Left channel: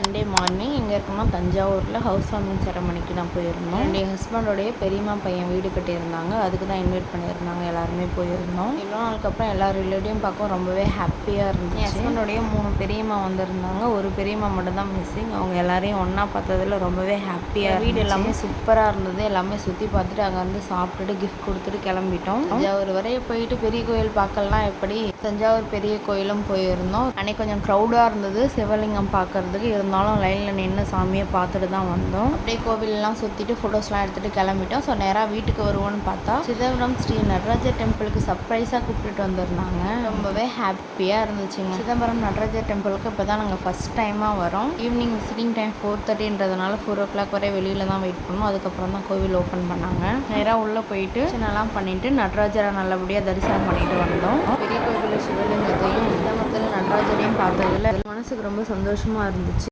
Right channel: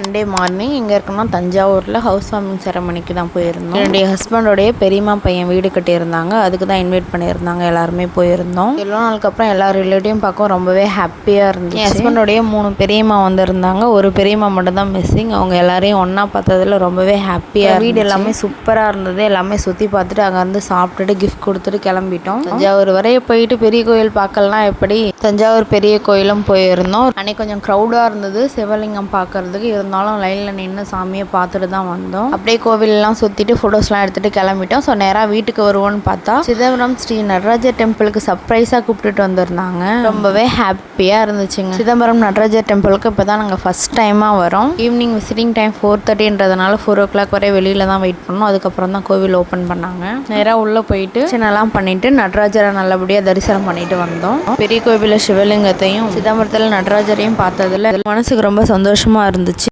Sunday morning எங்கே இருக்கோம்னா தஞ்சாவூரில் ஹவுஸ் வார்மிங் செரமனிக்கு தான் போயிருந்தோம். என்னுடைய ஹஸ்பண்டோடைய பெரியம்மா பையன் வீடு கட்டியிருந்தாங்க, அதுக்கு தான் இன்வைட் பண்ணியிருந்தாங்க. எல்லாருமே போயிருந்தோம். எவ்வளோ நாளுக்கு அப்புறம் எல்லா ரிலேட்டிவும் பார்க்க ரொம்பவே ஹாப்பியாக இருந்துச்சு. என் ஹஸ்பண்டோடைய 3 பெரியம்மா வந்திருந்தாங்க, ஒரு பெரியம்மா மட்டும் தான் மிஸ்ஸிங். அவங்க எல்லாரையும் ஒன்றா பார்த்ததுல ரொம்பவே ஹாப்பியாக. வீடு எல்லாமே சூப்பராக இருந்தது. எல்லாமே சுற்றி பார்த்துட்டு அங்கேருந்து சாப்பிட்டுட்டு கிஃப்ட் கொடுத்துட்டு கிளம்பிட்டோம். தஞ்சாவூர் வரைய போயிட்டு பெரிய கோயில் பார்க்கலாம். எப்படி தஞ்சாவூர் பெரிய கோயிலும் போயிருந்தோம். அன்னைக்கு கொஞ்சம் க்ரௌடாக இருந்தது சிவலிங்கம் பார்க்கறதுக்கு. இருந்தாலும் லைனில் நின்று சாமியை பார்த்துட்டு தான் வந்தோம். அப்படியே கோவிலெல்லாம் சுற்றிட்டு ஃபோட்டோஸ்லாம் எடுத்துகிட்டு கிளம்பிட்டோம். ஸோ நேராக வீட்டுக்கு வருவோன்னு பார்த்தா சிதம்பரம் ஸ்ரீ நடராஜர் டெம்பிளுக்கு சர்ப்ரைஸாக கூப்பிட்டுட்டு வந்திருந்தாங்க. ரொம்பவே ஹாப்பியாக இருந்துச்சுங்க. சிதம்பரம் நடராஜர் டெம்பிளுக்கு இப்போ தான் நாங்கள் ஃபஸ்ட் டைமாக வரோம். ஈவினிங் விசிட்டிங் டைம் 4:30ன்றதுனால 4 o'clock வரை வெளியில் தான் வெயிட் பண்ணோம். அதுக்கப்புறம் தான் கோவில் ஓப்பன் பண்ணாங்க. நேராக உள்ளே போயிட்டு சின்னலாம் பண்ணிவிட்டு நடராஜரை நல்லபடியாக தரிசனம் பண்ணிட்டு வந்தோம். பெரிய கோவிலில் சிவலிங்கத்தையும் சிதம்பரத்தில் நடராஜரையும் பார்த்ததில் மனசுக்கு ரொம்ப சந்தோஷமாக இருந்துச்சு.